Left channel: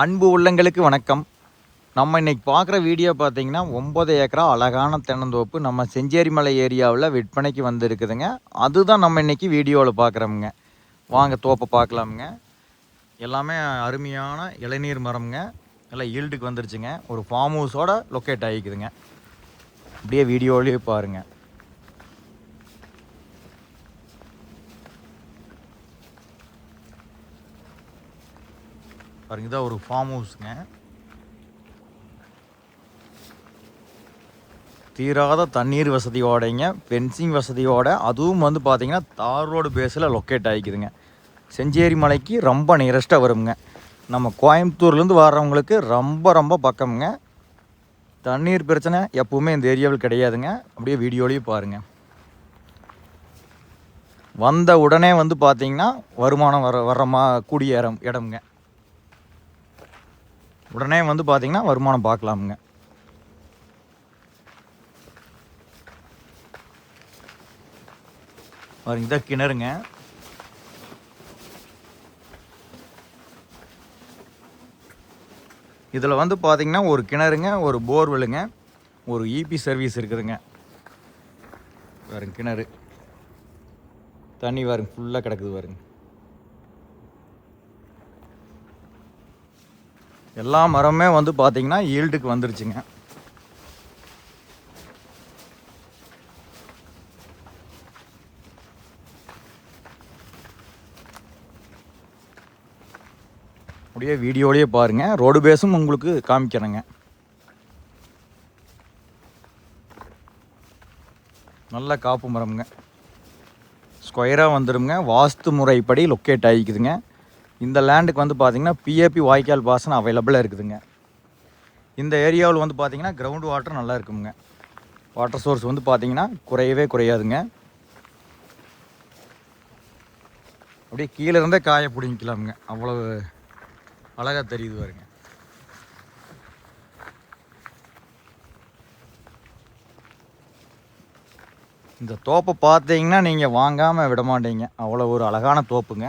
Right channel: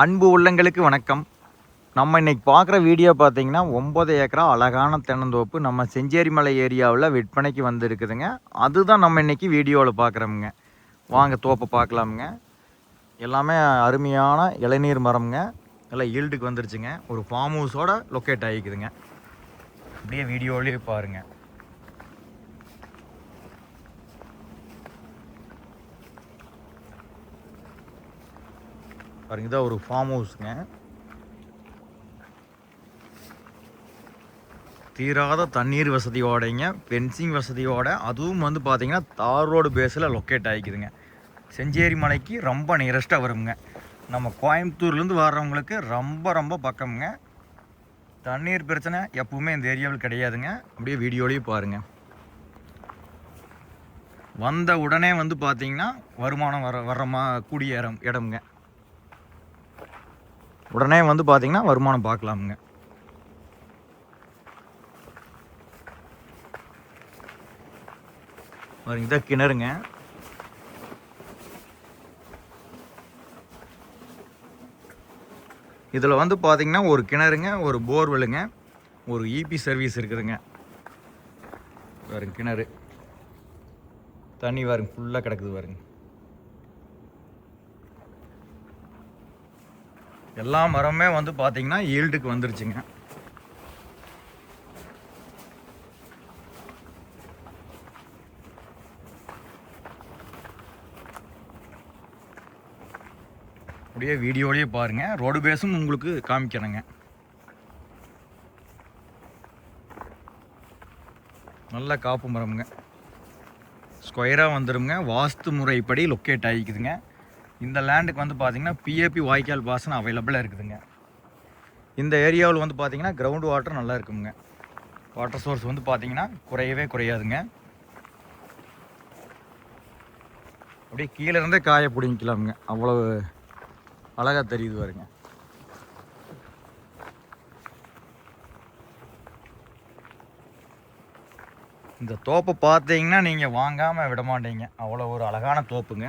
அன்பு உள்ளங்களுக்கு வணக்கம். நம்ம இன்னைக்கு பார்க்குற வீடியோ பார்த்தீங்கன்னா ஒம்பது ஏக்கரா அழகான தென்னந்தோப்பு நம்ம செஞ்சேரிமலை ஏரியாவில் விற்பனைக்கு வந்திருக்குதுங்க. அதுதான் நம்ம இன்னைக்கு வீடியோவில் பார்க்குறோமுங்க. வாங்க தோப்பை பார்க்கலாமுங்க. எல்லாமே அருமையான இளநீர் மரம்ங்க. எல்லாம் ஈல்டுக்கு வந்துருச்சுங்க. ஒரு ஃபார்ம் ஹவுஸோட லொக்கேட் ஆகிக்குதுங்க. அப்படியே வீடியோலேயே பாருங்கள் பாருங்க இதான் ஒரு ஃபார்ம் ஹவுஸுங்க தீராத தண்ணீர் வசதியோடைங்க ஃபென்சிங் வசதியோட அதுவும் வந்து பார்த்தீங்கன்னா தார் ரோடு பேஸில் லொக்கேட் ஆகிக்குதுங்க செஞ்சேரி மலைக்கு ரொம்ப நியரஸ்ட்டாக வருங்க நம்ம கோயம்புத்தூர்லேருந்து வர்றவங்களுக்கு ரொம்ப ரொம்ப பக்கமுங்க. தண்ணீர் பிரச்சனை எப்பவுமே இந்த ஏரியாவில் கிடையாதுங்க. அப்படியே வீடியோலேயும் பாருங்கள் வந்த உடனே வந்து பார்த்தீங்கன்னா வருமானம் வர வர்ற மா கூடிய இடம் இடம்ங்க. உடனே வந்து பார்த்தீங்கன்னா வருமானம் பார்க்கலாமுங்க பாருங்க இதான் கிணறுங்க. இதில் வந்து பார்த்தீங்கன்னா ஒரு கிணறுங்க ஒரு போர்வெலுங்க ஒரு இபி சர்வீஸ் இருக்குதுங்க. பாருங்க கிணறு. தண்ணி பாருங்க ஃபுல்லாக கிடக்குது பாருங்க. எல்லா மரமே வந்து பார்த்தீங்கன்னா ஈல்டுக்கு வந்துருச்சுங்க. அப்படியே வீடியோலேயே பாருங்கள் ரோடு பேஸும் உங்களுக்கு காமிக்கிறேங்க. நல்ல காப்பு மரம்ங்க. ஸ்கொயராக வந்துடுங்க வாஸ்து முறைப்படி லொக்கேட் ஆகிக்குதுங்க. இந்த லேண்டுக்கு வந்து பார்த்தீங்கன்னா பிஏபி வாய்க்கால் பாசனம் அவைலபிளாக இருக்குதுங்க. இந்த ஏரியாவில் வந்து பார்த்தீங்கன்னா கிரவுண்ட் வாட்டர் நல்லா இருக்குங்க. வாட்டர் சோர்ஸ் வந்து பார்த்தீங்கன்னா குறையவே குறையாதுங்க. அப்படியே கீழே இருந்தே காய பிடிங்கிக்கலாமுங்க. அவ்வளவு அழகாக தெரியுது பாருங்க. இந்த தோப்பை பார்த்தீங்கன்னா நீங்கள் வாங்காமல் விட மாட்டீங்க அவ்வளோ ஒரு அழகான தோப்புங்க.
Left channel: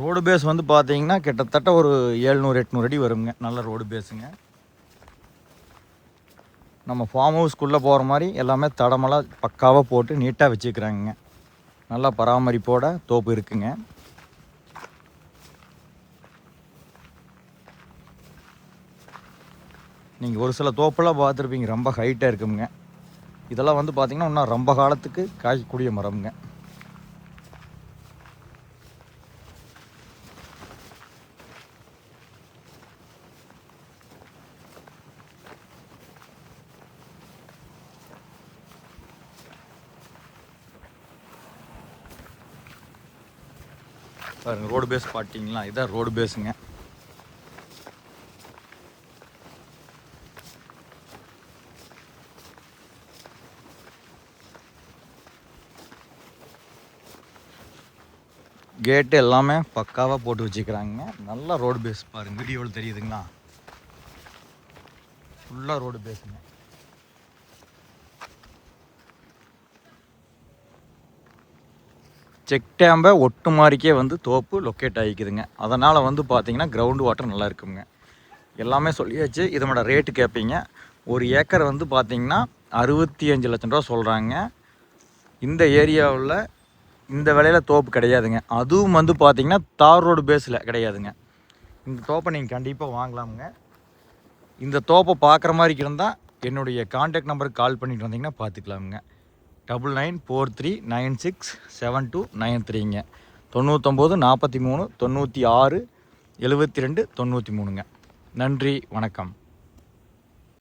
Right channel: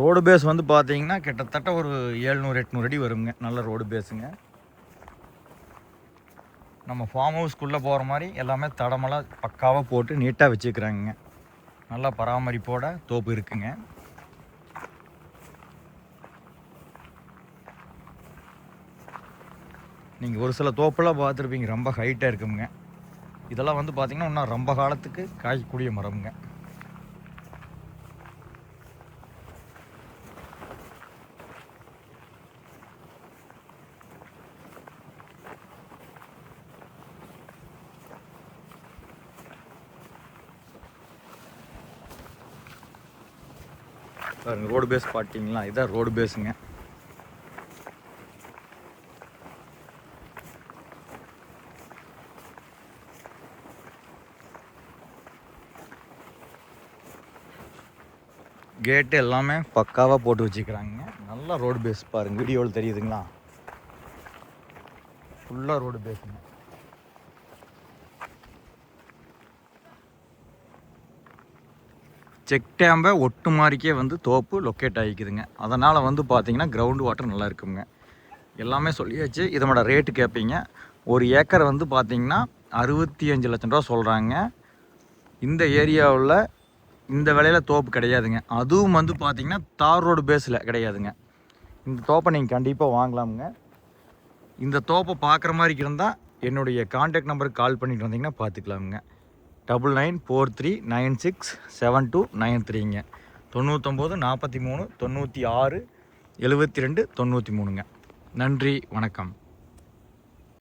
ரோடு பேஸ் வந்து பார்த்தீங்கன்னா கிட்டத்தட்ட ஒரு ஏழ்நூறு எட்நூறு அடி வருங்க. நல்ல ரோடு பேஸுங்க. நம்ம ஃபார்ம் ஹவுஸ்க்குள்ளே போகிற மாதிரி எல்லாமே தடமெல்லாம் பக்காவாக போட்டு நீட்டாக வச்சுக்கிறாங்க நல்லா பராமரிப்போட தோப்பு இருக்குங்க. நீங்கள் ஒரு சில தோப்பெல்லாம் பார்த்துருப்பீங்க ரொம்ப ஹைட்டாக இருக்குங்க. இதெல்லாம் வந்து பார்த்திங்கன்னா இன்னும் ரொம்ப காலத்துக்கு காய்க்கக்கூடிய மரம்ங்க. பாருங்க ரோடு பேஸ் பார்த்தீங்களா? இதான் ரோடு பேஸுங்க கேட்டு எல்லாமே பக்காவாக போட்டு வச்சுக்கிறாங்க. நல்லா ரோடு பேஸ் பாருங்க. வீடியோவில் தெரியுதுங்களா? ஃபுல்லாக ரோடு பேஸுங்க செக் டேம்பை ஒட்டு மாதிரிக்கே வந்து தோப்பு லொக்கேட் ஆகிக்குதுங்க. அதனால் வந்து பார்த்திங்கன்னா கிரவுண்டு வாட்டர் நல்லா இருக்குங்க. எல்லாமே சொல்லியாச்சு. இதனோட ரேட்டு கேட்பீங்க ஒரு ஏக்கர் வந்து பார்த்திங்கன்னா அறுபத்தி அஞ்சு லட்சம் ரூபா சொல்கிறாங்க இந்த ஏரியாவில் இந்த விலையில் தோப்பு கிடையாதுங்க. அதுவும் வந்து பார்த்தீங்கன்னா தார் ரோடு பேஸில் கிடையாதுங்க. இந்த தோப்பை நீங்கள் கண்டிப்பாக வாங்கலாமுங்க. இந்த தோப்பை பார்க்குற மாதிரி இருந்தால் என்னுடைய காண்டாக்ட் நம்பருக்கு கால் பண்ணிட்டு வந்தீங்கன்னா பார்த்துக்கலாமுங்க double nine four three nine six seven two nine த்ரீங்க தொண்ணூத்தொம்பது நாற்பத்தி மூணு தொண்ணூற்றி ஆறு எழுபத்தி ரெண்டு தொண்ணூற்றி மூணுங்க. நன்றி வணக்கம்.